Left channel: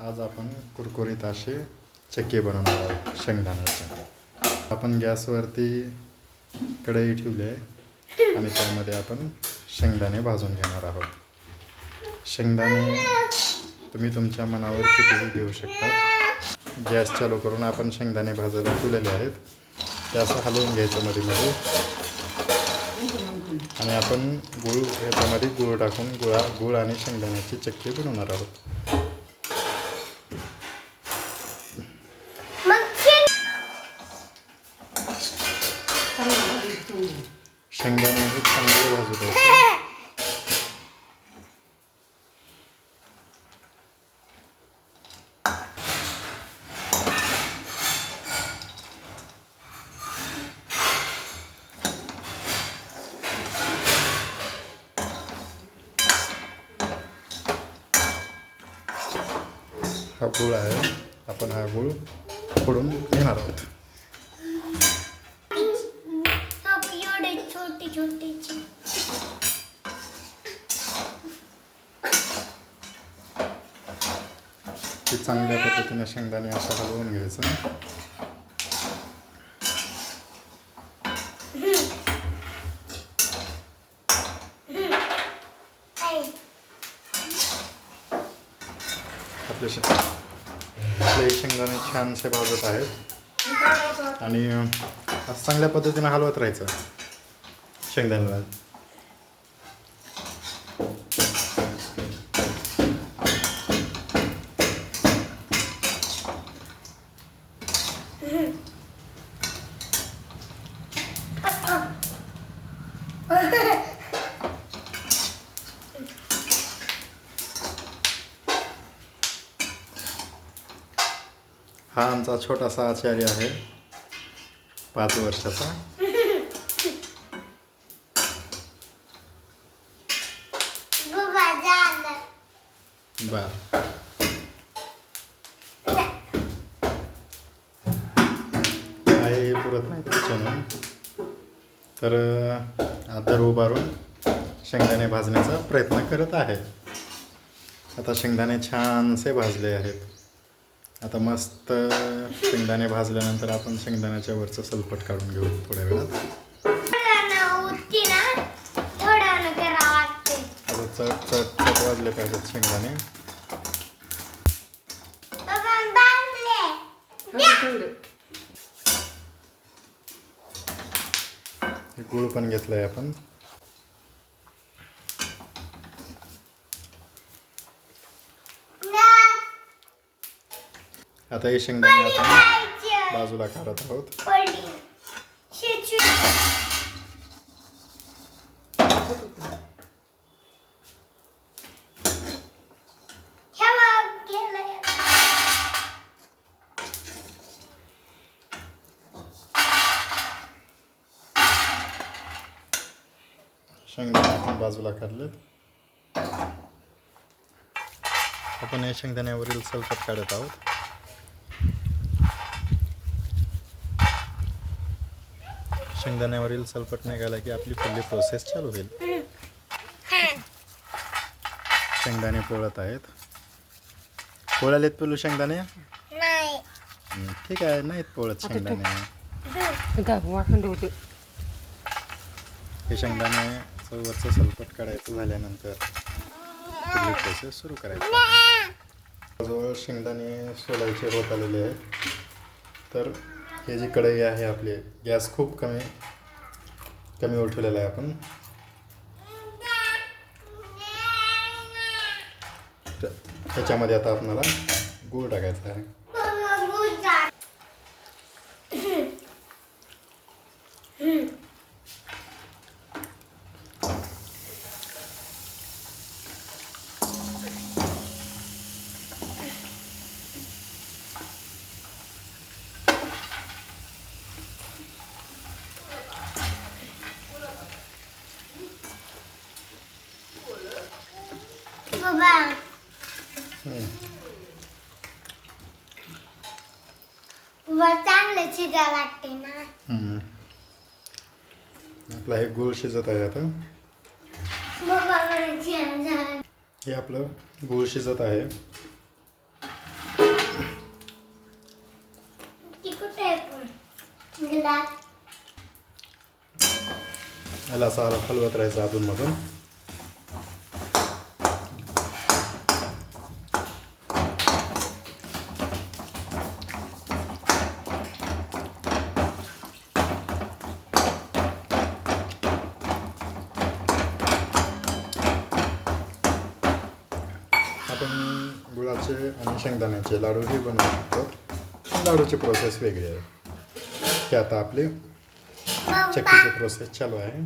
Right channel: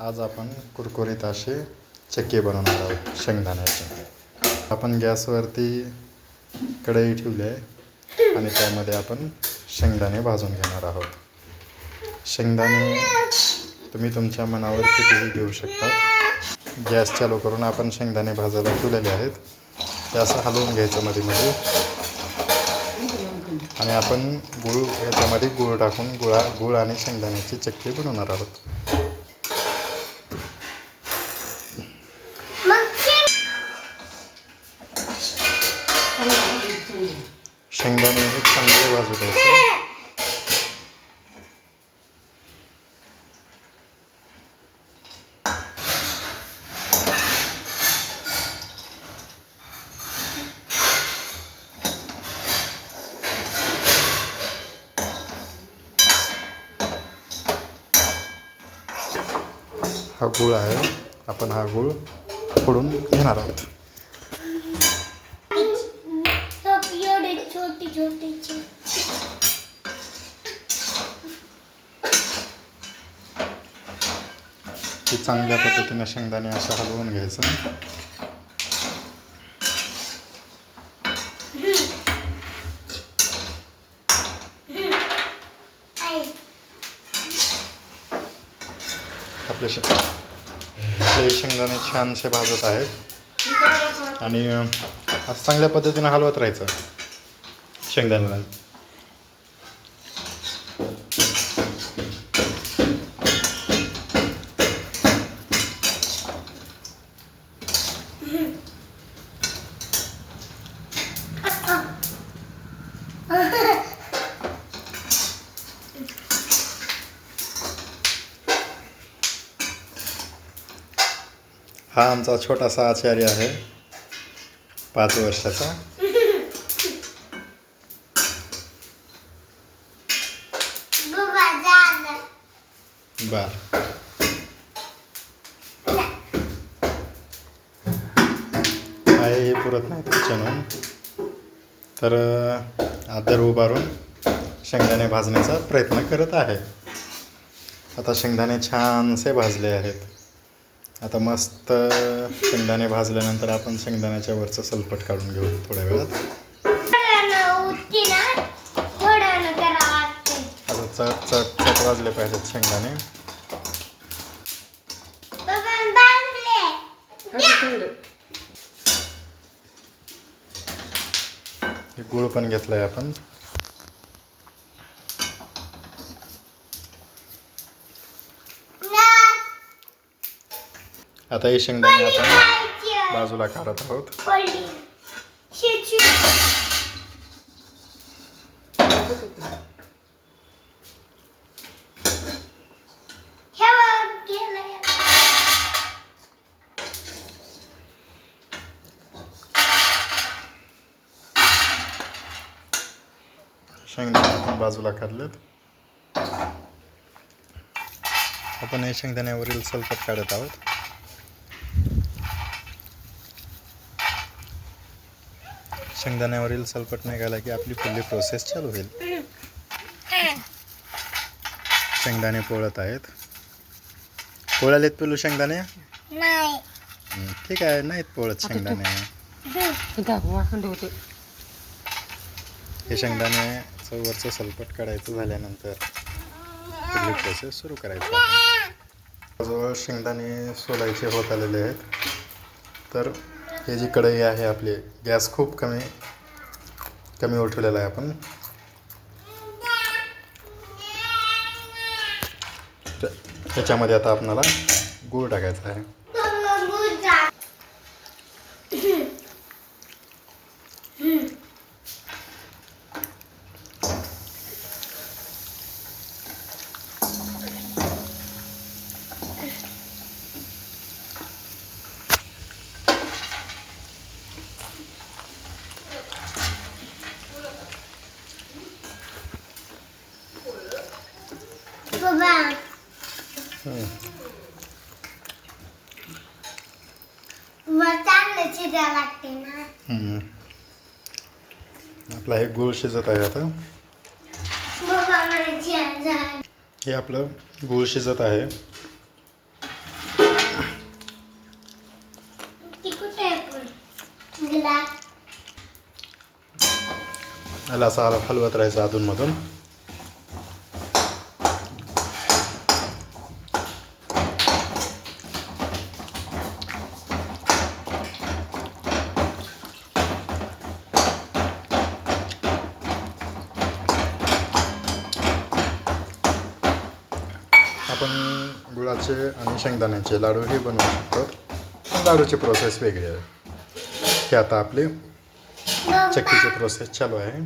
आज आपण कुरकुरीत असे चक्के बनवणार आहोत शेंगदाण्याचे. आपण गॅसवरती कढई ठेवली आहे आणि त्यामध्ये आपण शेंगदाणे भाजून घेणार आहोत. शेंगदाणे तुम्ही तुमच्या मनावर कितीही घेऊ शकतात. गॅस चालू करून आपण शेंगदाणे भाजायला ठेवलेले आहेत. ते असं हलवून घ्यायचं मध्ये मध्ये आणि आपण याच्यामध्ये गूळ टाकून गूळ आणि शेंगदाण्याची चक्की बनवणार आहोत. शेंगदाणे हे चांगले भाजू द्यायचे. हा गूळ आहे, आपण हा गूळ फोडून घेणार आहोत. ते चांगल्या पद्धतीने शेंगदाणे असं हलवून घ्यायचं. आपले शेंगदाणे छानसे भाजत आहेत आणि असं चांगल्या पद्धतीने हलवत राहायचं शेंगदाण्याला. हा आमचा छोटासा आचार्य आहे, 5 वर्षाचा. बर हे पुरत नाही किचन, तर आदर उभारून शेंगदाणे भाजण्याचा प्रयत्न करत आहे. आता शेंगदाणे छानसे भाजले आहेत. आता मस्त शेंगदाणे भाजल्यानंतर आपण शेंगदाण्याच्या वरचं सलपट काढून घेऊ थोड्या वेळात. आता चट चट चट वाजले पाहिजेत शेंगदाणे. गूळ पण घेतलाय आपण. आता हे शेंगदाणे आपण बाजूला काढत आहोत. शेंगदाणे आपण बाजूला काढलेत. आपण हे शेंगदाण्यावरील सलपट काढत आहोत. शेंगदाण्यावरील सलपट निघाला की आपली पुढली प्रोसेस चालू होईल. शेंगदाणे पोळत आहेत. पोळालेत पिलू शेंगदाणे? ठीक आहे, नाहीत पोळत शेंगदाणे. हे शेंगदाणे वरचं सलपट काढायचं झाल्यानंतर पुढली प्रोसेस सुरू करायची. जवळ शेंगदाणे सोलायचे होत आलेले आहेत. तर हे जी कढई आहे आपली, गॅस खूप कमी उठवलेला आहे आपण. त्याच्यामध्ये आता आपल्याला गूळ टाकायचा आहे. आपला हे गूळ शिजत आहे. आता हे आपलं गूळ शिजत आहे. याला असं हलवत राहायचं अधूनमधून. आपण गुळाचे आणि शेंगदाण्याचे लाडू हे बनवू शकतो. लाडूची प्रोसेस वेगळी आहे. हे आता आपली चक्कीची प्रोसेस चालू आहे.